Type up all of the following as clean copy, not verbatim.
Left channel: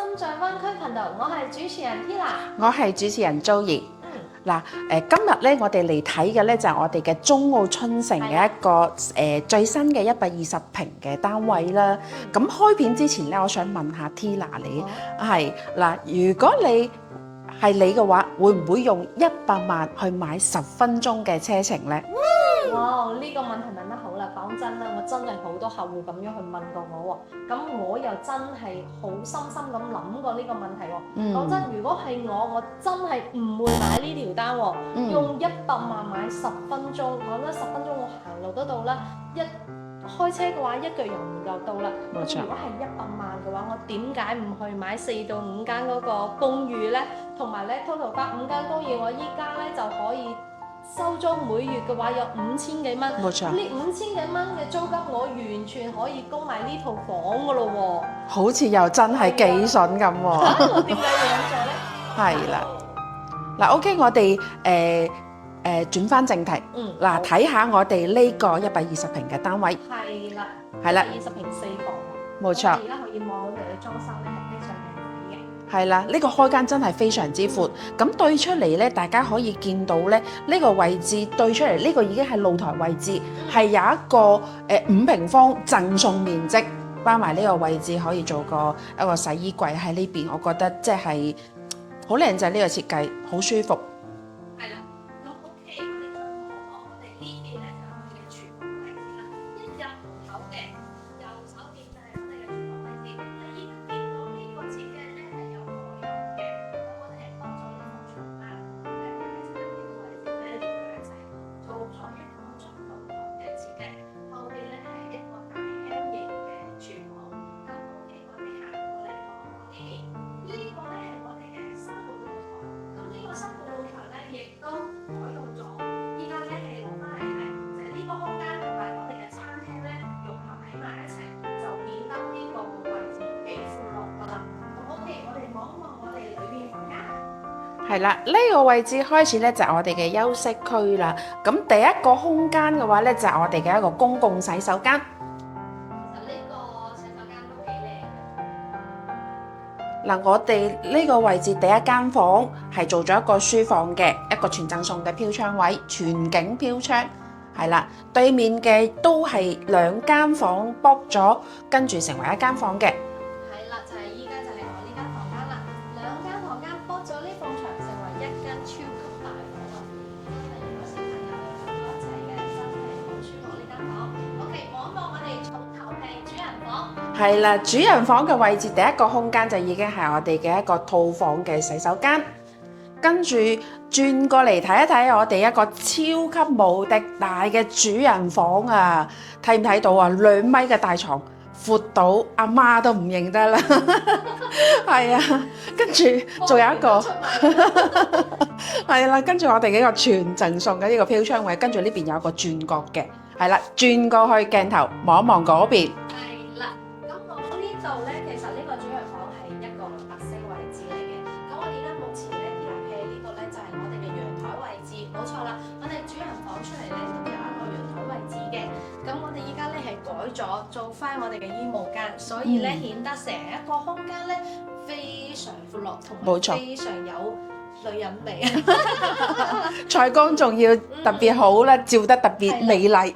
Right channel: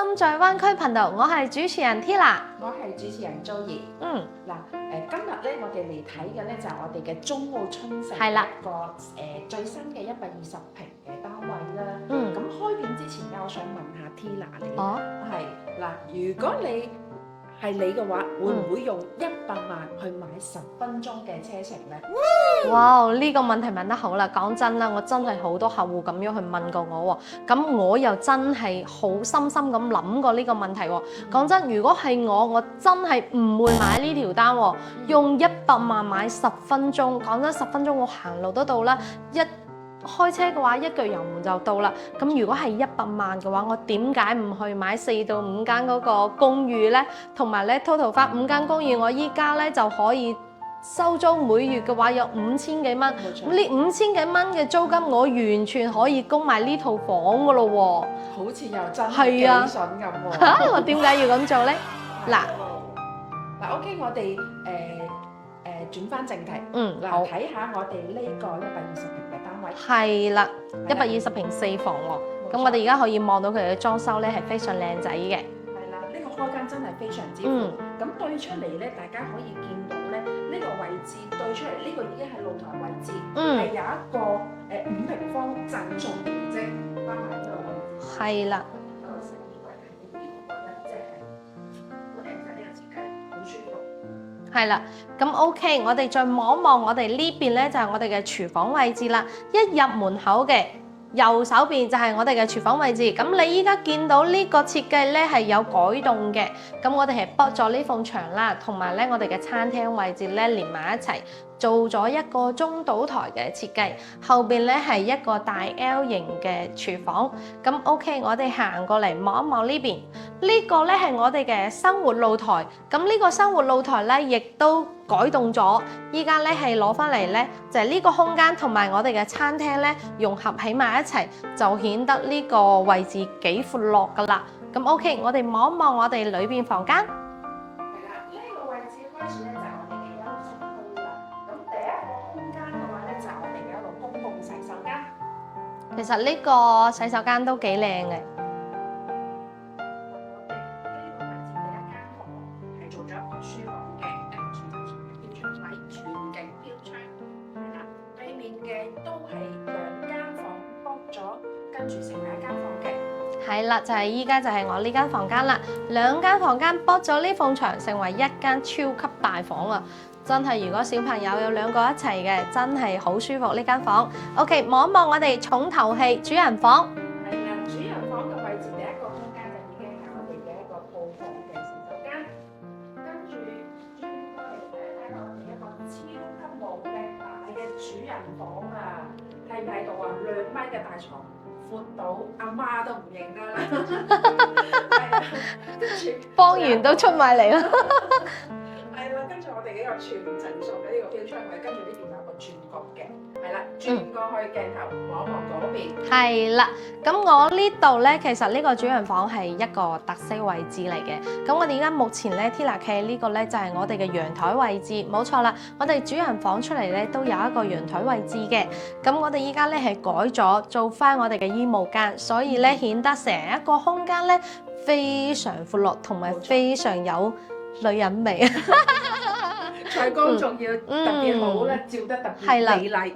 心在灣區頻道，我係主持人 Tina，我係主持人 Joey。嗱，今日咧，我哋嚟睇嘅咧就係我哋嘅中澳春城嘅一個最新嘅120平嘅單位啦。咁開片之前咧，我想問下 Tina 你係嗱，如果你係你嘅話，會唔會用100萬去買10分鐘嘅車程咧？哇！呢個問題問得好啦，講真啦，我真係好多客戶咁樣去問過我喎，咁我又真係好深深咁諗過呢個問題喎。講真，如果係我真係唔會買呢條單喎，用100萬買10分鐘。講真，10分鐘我行路都到啦，開車嘅話一腳油門就到啦。咁如果係100萬嘅話，我點解唔去買4到5間嗰個公寓呢？同埋咧 total 翻5間公寓，我依家咧就可以收租，每月嘅話有5000幾蚊。冇錯，呢5000幾蚊嘅租金，我完全可以供埋呢套房噶咯喎。好似又真係幾筍咁喎。我點解要咁做呢？係啦，嗱，OK，我哋轉翻正題。嗱，睇下我哋呢個120平嘅單位。係啦，120平4房喎。冇錯。我哋而家可以望到佢嘅裝修咧係非常靚仔嘅。係啦，呢個開間真係非常之闊。咁對出嚟咧，大家可以見到咧，呢個位置對出嚟，呢個已經係露台位置，係有一個5平方贈送面積，包埋呢個位置可以做一個洗衣櫃喺呢邊。我覺得即係好靚仔，呢個設計好舒服。係啦，咁 OK，我哋再望一望我哋呢邊咧，就係我哋嘅廚房位置啦。一入門口嘅右手邊就係我哋嘅廚房位置。咁你依家見到呢個設計咧係有改動嘅。咁我哋係剝咗呢埲牆啦，同埋咧我哋嘅餐廳位置咧連埋一齊，做咗一個中島台嘅設計。後邊咧係一個大 L 型嘅廚房。咁 OK，我哋行過嚟望一望呢邊。呢個咧係我哋嘅生活露台，咁呢個生活露台咧亦都改動咗，依家咧係攞翻嚟咧就係呢個空間同埋我哋嘅餐廳咧融合起埋一齊，就顯得呢個位置幾闊落噶啦。咁 OK，我哋望一望我哋裏邊房間。係啦，呢個位置開始咧就係我哋嘅休息區啦。咁第一個空間嘅話咧就係我哋嘅一個公共洗手間。其實呢個洗手間都幾靚嘅。嗱，我哋呢個位置第一間房係做咗一個書房嘅，一個全贈送嘅飄窗位，全景飄窗，係啦，對面嘅都係2間房剝咗，跟住成為1間房嘅。係啦，就係依家就係我呢間房間啦，2間房間剝咗呢埲牆，成為1間超級大房啊！真係，如果小朋友有2個一齊嘅，真係好舒服呢間房。OK， 望一望我哋重頭戲主人房。係啦，主人房嘅位置第一個空間就已經係我哋嘅一個套房嘅洗手間，跟住轉過嚟睇一睇我哋一個超級無敵大嘅主人房啊！睇唔睇到啊？2米嘅大床，闊到阿媽都唔認得啦。係啊，跟住仲有一個出埋嚟啦。係啦，跟住我哋嘅一個全贈送嘅呢個飄窗位，跟住呢邊有一個轉角嘅，係啦，轉過去鏡頭望一望嗰邊。係啦。咁我呢度咧，其實呢個主人房係一個特色位置嚟嘅。咁我哋而家目前咧 Tina 企喺呢個咧就係我哋嘅陽台位置，冇錯啦。我哋主人房出嚟咧都有一個陽台位置嘅。咁我哋依家咧係改咗做翻我哋嘅衣帽間，所以咧顯得成一個空間咧非常闊落，同埋非常有女人味。採光仲要特別好啦，照得特別美麗。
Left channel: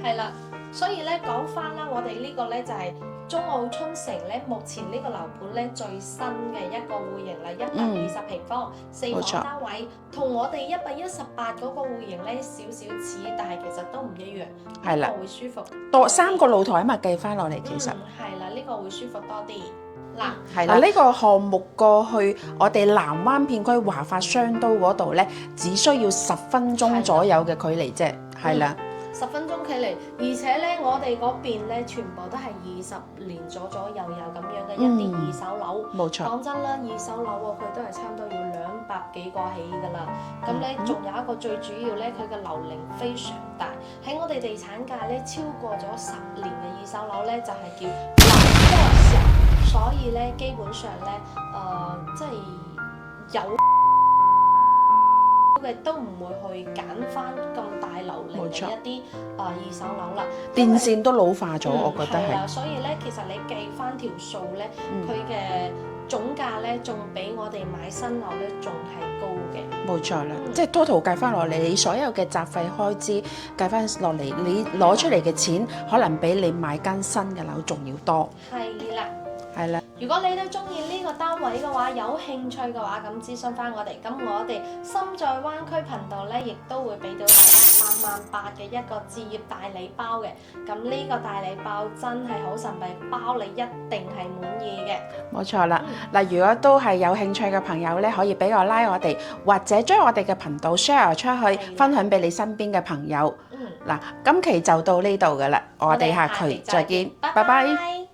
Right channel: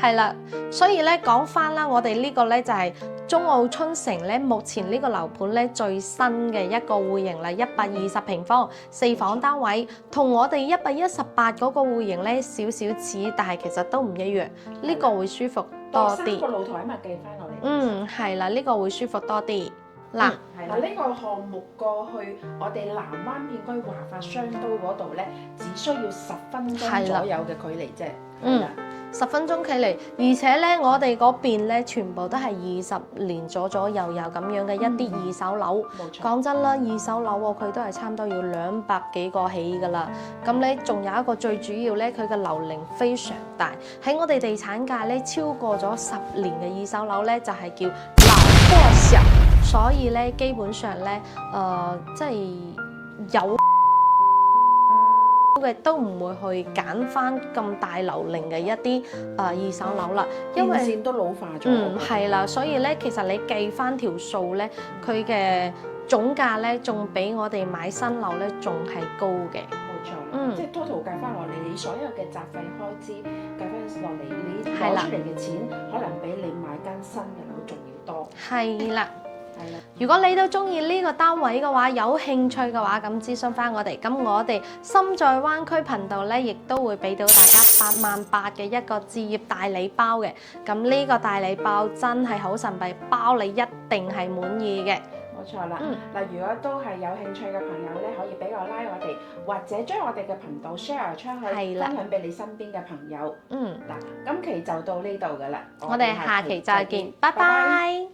係啦，所以咧講翻啦，我哋呢個咧就係中澳春城咧，目前呢個樓盤咧最新嘅一個戶型啦，120平方4房單位，同我哋118嗰個戶型咧少少似，但係其實都唔一樣。呢個會舒服多啲。3個露台啊嘛，計翻落嚟其實。係啦，呢個會舒服多啲。嗱，係啦，呢個項目過去我哋南灣片區華發商都嗰度咧，只需要10分鐘左右嘅距離啫，係啦。10分鐘距離，而且咧，我哋嗰邊咧全部都係20年左右咁樣嘅一啲二手樓。冇錯。講真啦，二手樓喎，佢都係差唔多要200幾個起㗎啦。咁咧，仲有一個最主要咧，佢嘅樓齡非常大。喺我哋地產界咧，超過咗10年嘅二手樓咧，就係叫老破小。所以咧，基本上咧，即係有嘅都唔會去揀翻咁大樓齡嘅一啲二手樓啦，電線都老化咗，我覺得係啦，所以咧其實你計翻條數咧，佢嘅總價咧，仲比我哋買新樓咧仲係高嘅。冇錯啦，即係 total 計翻落嚟，你所有嘅雜費開支計翻落嚟，你攞出嚟嘅錢可能比你買間新嘅樓仲要多。係啦。係啦，如果你都中意呢個單位嘅話，有興趣嘅話，咁諮詢翻我哋。咁我哋心在灣區頻道咧，亦都會俾到大家88000嘅一個置業大禮包嘅。咁呢個大禮包真係好神秘，包你一定係滿意嘅。冇錯啦。嗱，如果都係有興趣嘅朋友咧，可以俾我拉我哋，或者將我哋嘅頻道 share 出去，分享俾你身邊嘅朋友。嗱，今期就到呢度㗎啦，我哋下期再見，拜拜。